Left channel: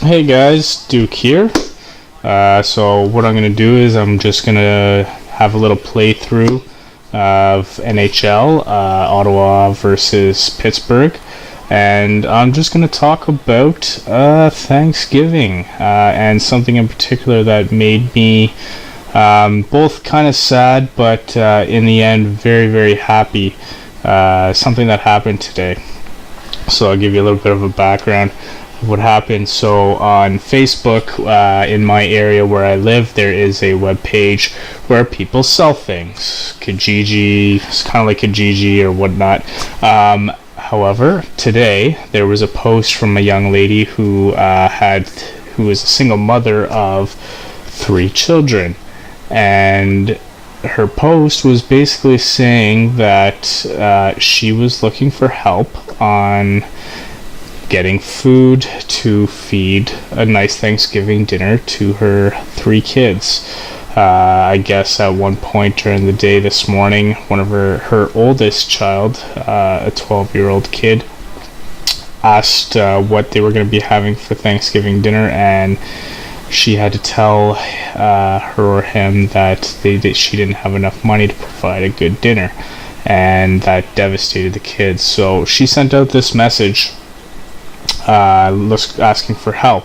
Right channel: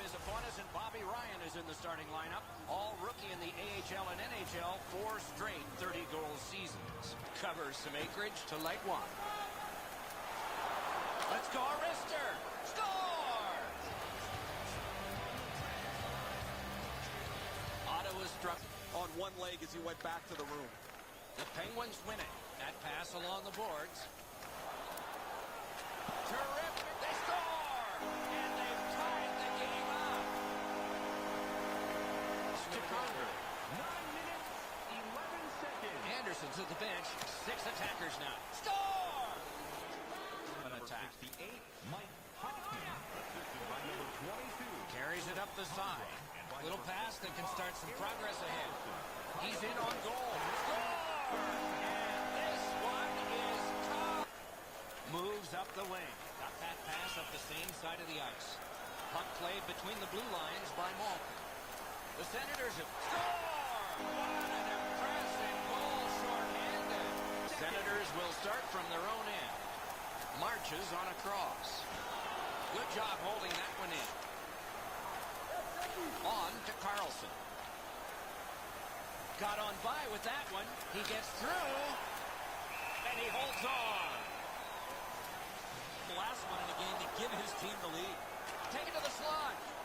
Hey guys, Duke here. So what I'm gonna do is I'm just gonna have a little playthrough of NHL, Ottawa versus Pittsburgh, and I'm just gonna talk about Thanksgiving and something in particular that made me both kind of sad, but in the end very happy. Something that happened today. So I'll give you a little bit of a background of what happened. So on Facebook, in my area where I live, there is a web page where people sell things. Kijiji, it's kind of like Kijiji or whatnot. However, today there was a post from a young lady who is a single mother of 3 children, and her post was basically saying that she was looking for help on getting food to feed a nice Thanksgiving dinner to her 3 kids. I guess at one point during the day this morning, one of her oldest child, a 12-year-old kid, asked what they were going to be having for Thanksgiving dinner, and she had to tell her or him that she didn't have enough money to provide a good dinner, and that devastated the kids. So she sent out this message asking for help.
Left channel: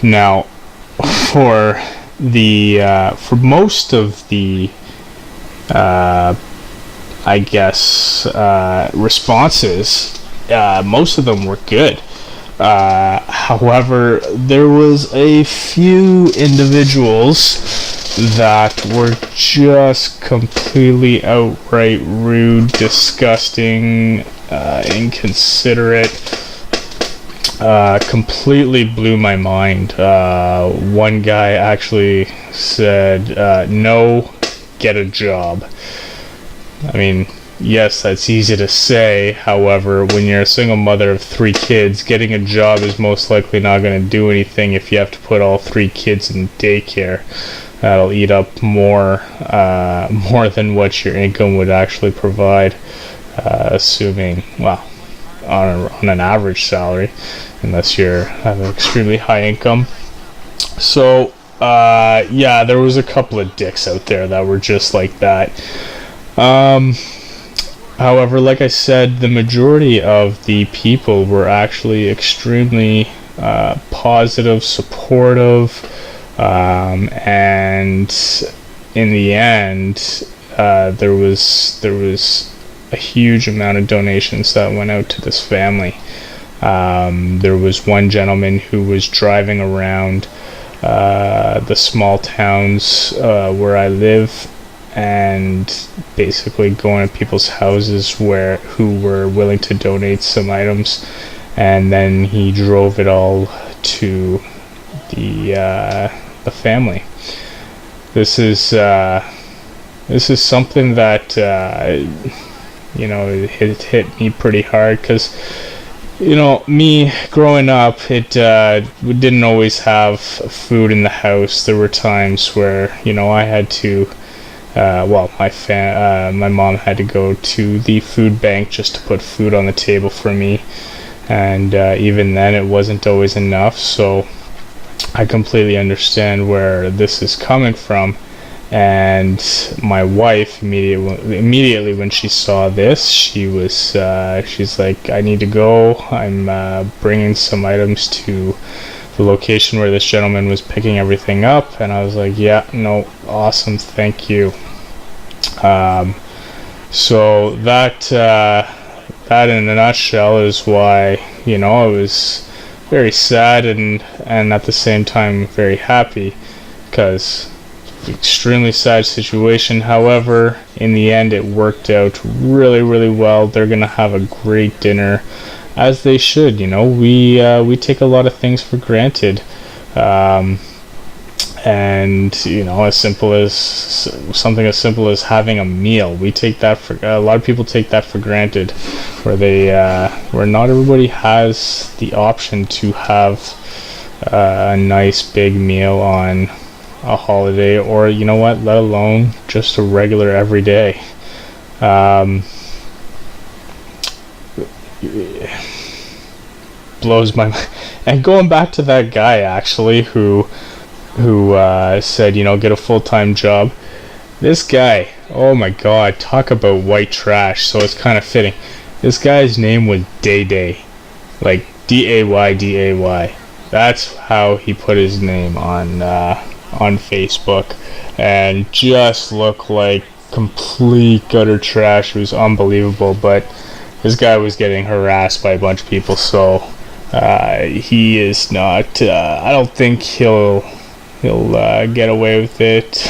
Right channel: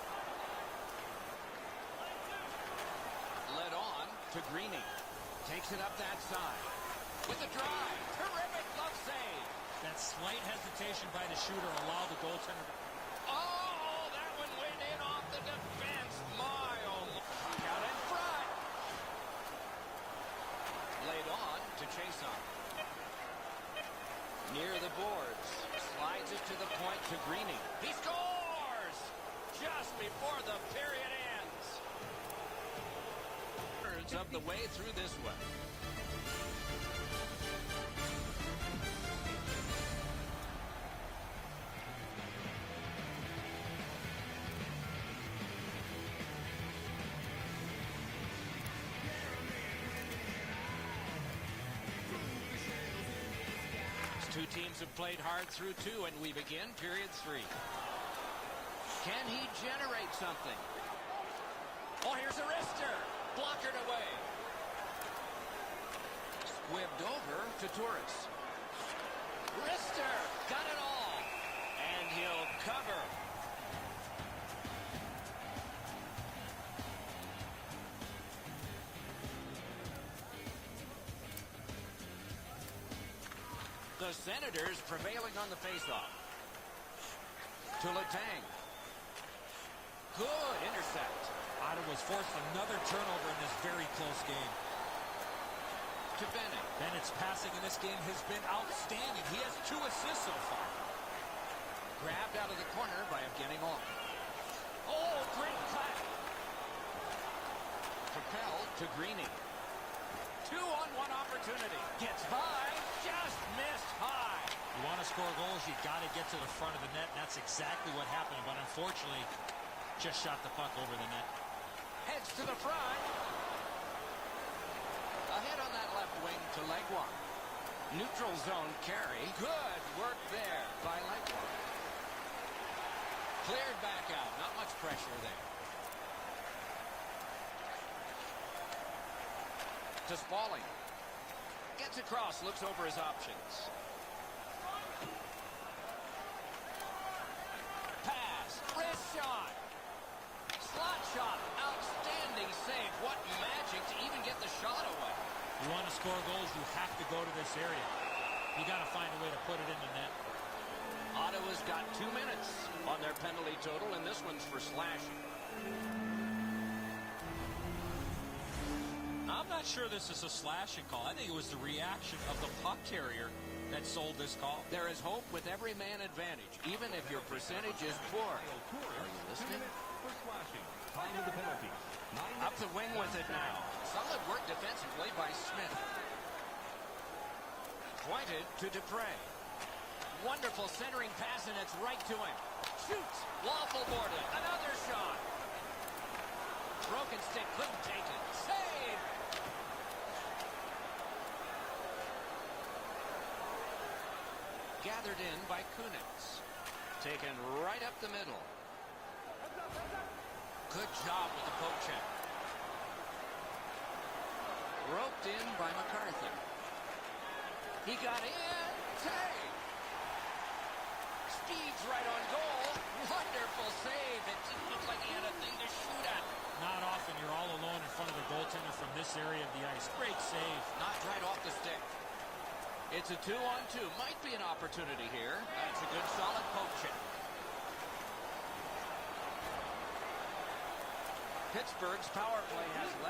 Now, for most of the responses, most of them were good. However, there was a few individuals that were just completely outright rude, disgusting, inconsiderate. Completely blew my mind. One guy actually said, "No, get a job." I mean, yes, that's easy to say. However, when you're a single mother of 3 kids, getting a job is most likely not going to do anything if you have to put all 3 kids in daycare. That'll eat up more than what your income would actually provide, assuming, well, on an average salary, unless you have an extremely high income. So, yeah, there was a couple of dicks out there that were just like that. However, like I said, the majority of the people were actually extremely positive, supportive, and in the end, there was a huge amount of donations that went out to this family. There was one gentleman who was driving around the small towns where I live, and basically going to people's houses who were willing to donate some items, and then he drove it all to the family. This is something that it hit me pretty hard, because me growing up, we didn't always have food in the house. There were times where I had to my mom had to go to the food bank just to put food on the table for me, and even then it wasn't always enough. So I completely understand where this is coming from. And my wife immediately when she saw this, she's like, "I need to go. I'm bringing some items to the location where this gentleman was picking everything up." And I was like, "Yeah, no, awesome, thank you." So that in a nutshell is why I was very sad and at the same time very happy, because extremely sad situation. However, in the end, it worked out really well. They're gonna have a great dinner, as they should. We take a lot of things for granted, and as simple as something as simple as having a meal. We take that for a lot of people take that for granted, where not everybody has the option to have a nice big meal on a holiday, or let alone just a regular everyday. blows my And going back to that guy actually who said, you know, get a full-time job. This guy, oh my god, talk about white trash. So it's kind of fitting. This guy's name was Day Day, like Day. That's how he put his name on Facebook, and just looked like complete gutter trash. It was unbelievable, but this guy was getting harassed by a bunch of people, so he is not. I don't think he'll get away with it.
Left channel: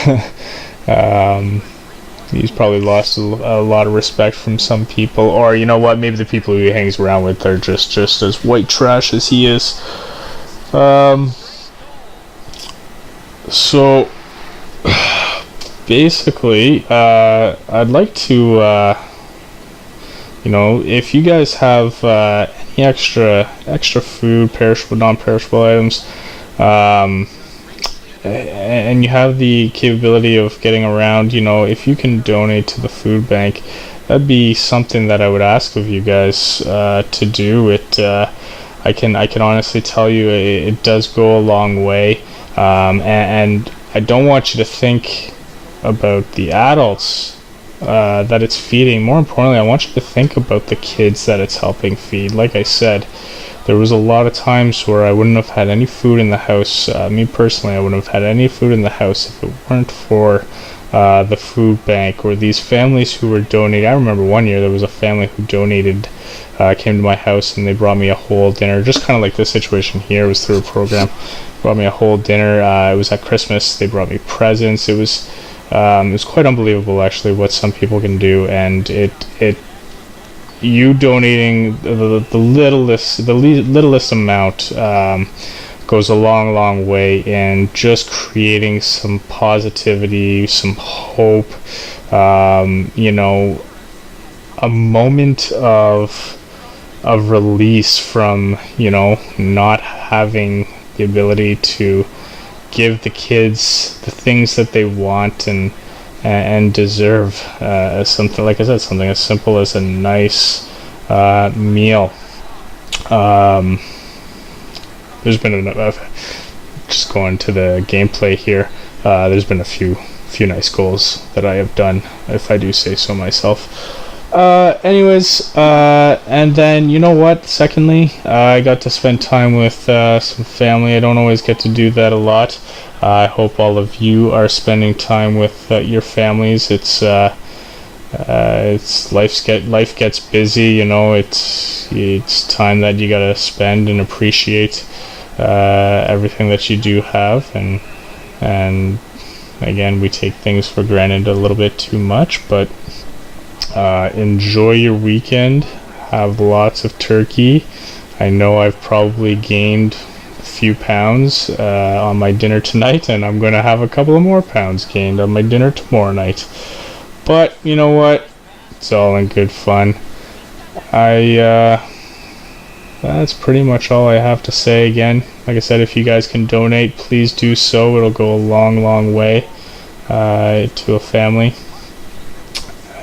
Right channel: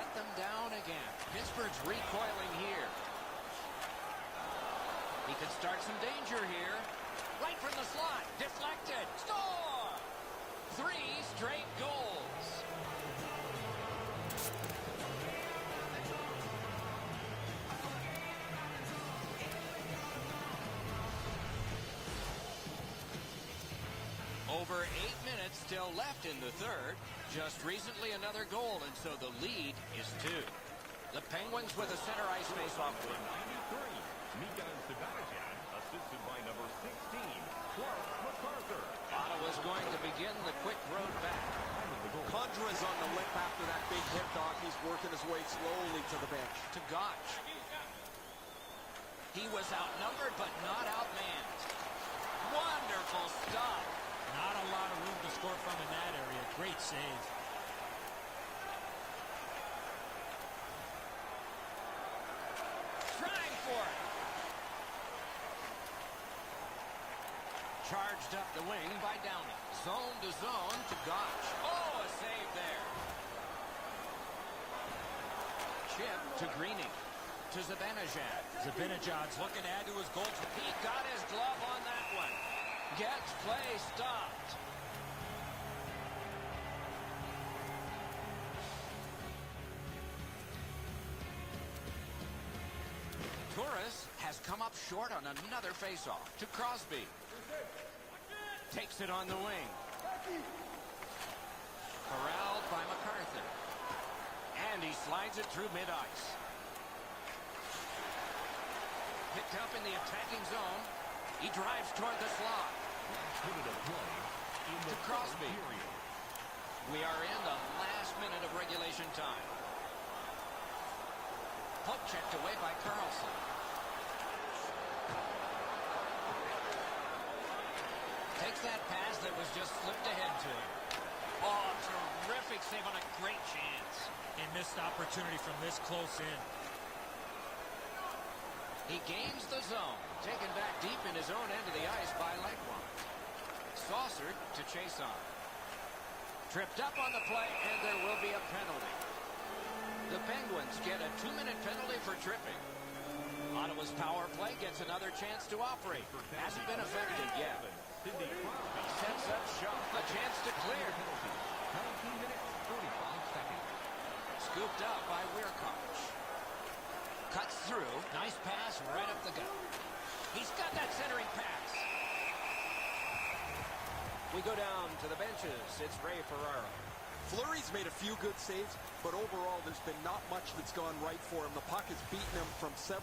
He's probably lost a lot of respect from some people, or you know what? Maybe the people who he hangs around with are just as white trash as he is. So basically, I'd like to, you know, if you guys have any extra food, perishable, non-perishable items, and you have the capability of getting around, you know, if you can donate to the food bank, that'd be something that I would ask of you guys to do. I can honestly tell you it does go a long way, and I don't want you to think about the adults that it's feeding. More importantly, I want you to think about the kids that it's helping feed. Like I said, there was a lot of times where I wouldn't have had any food in the house. Me personally, I wouldn't have had any food in the house if it weren't for the food bank or these families who were donating. I remember one year there was a family who donated, came to my house and they brought me a whole dinner, just kind of like this situation here. It was through a program. Brought me a whole dinner. It was at Christmas. They brought me presents. It was quite unbelievable actually what some people can do, and it you donating the littlest amount goes a long way in just creating some positivity, some hope, you know, a moment of release from, you know, not having the ability to give the kids the things that they want and deserve. Something, like I said, something as simple as a nice meal. There's been just going to the gameplay here. There's been a few nice goals that I have done, if I do say so myself. Anyways, and then you know what? Secondly, I got to spend time with some family. I don't always get to do that a lot. I hope all of you are spending time with your families. It's life gets busy. You know, it's time that you gotta spend and appreciate everything that you do have, and again, we take things for granted a little bit too much, but. Enjoy your weekend. Have lots of turkey. I know I've probably gained a few pounds on my dinner tonight, and I'm going to have a couple of more pounds gained on my dinner tomorrow night. But you know what? It's all in good fun. That's pretty much all I have to say. Again, like I said, if you guys can donate, please do so. It'll go a long way to a family.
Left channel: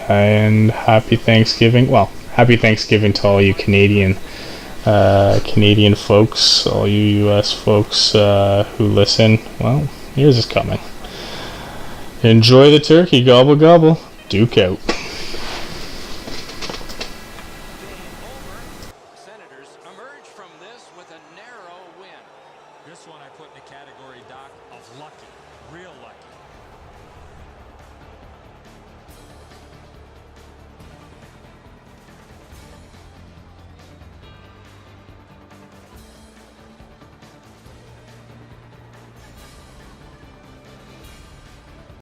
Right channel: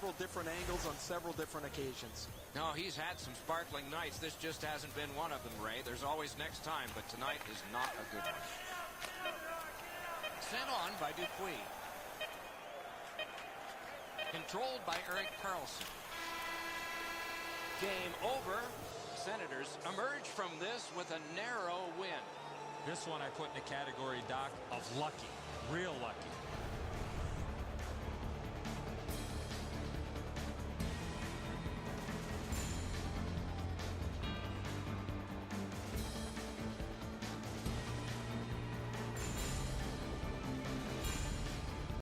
And happy Thanksgiving. Well, happy Thanksgiving to all you Canadian folks, all you US folks who listen. Well, yours is coming. Enjoy the turkey, gobble gobble. Duke out. Game over. Senators emerge from this with a narrow win. This one I put in the category, Doc, of lucky. Real lucky.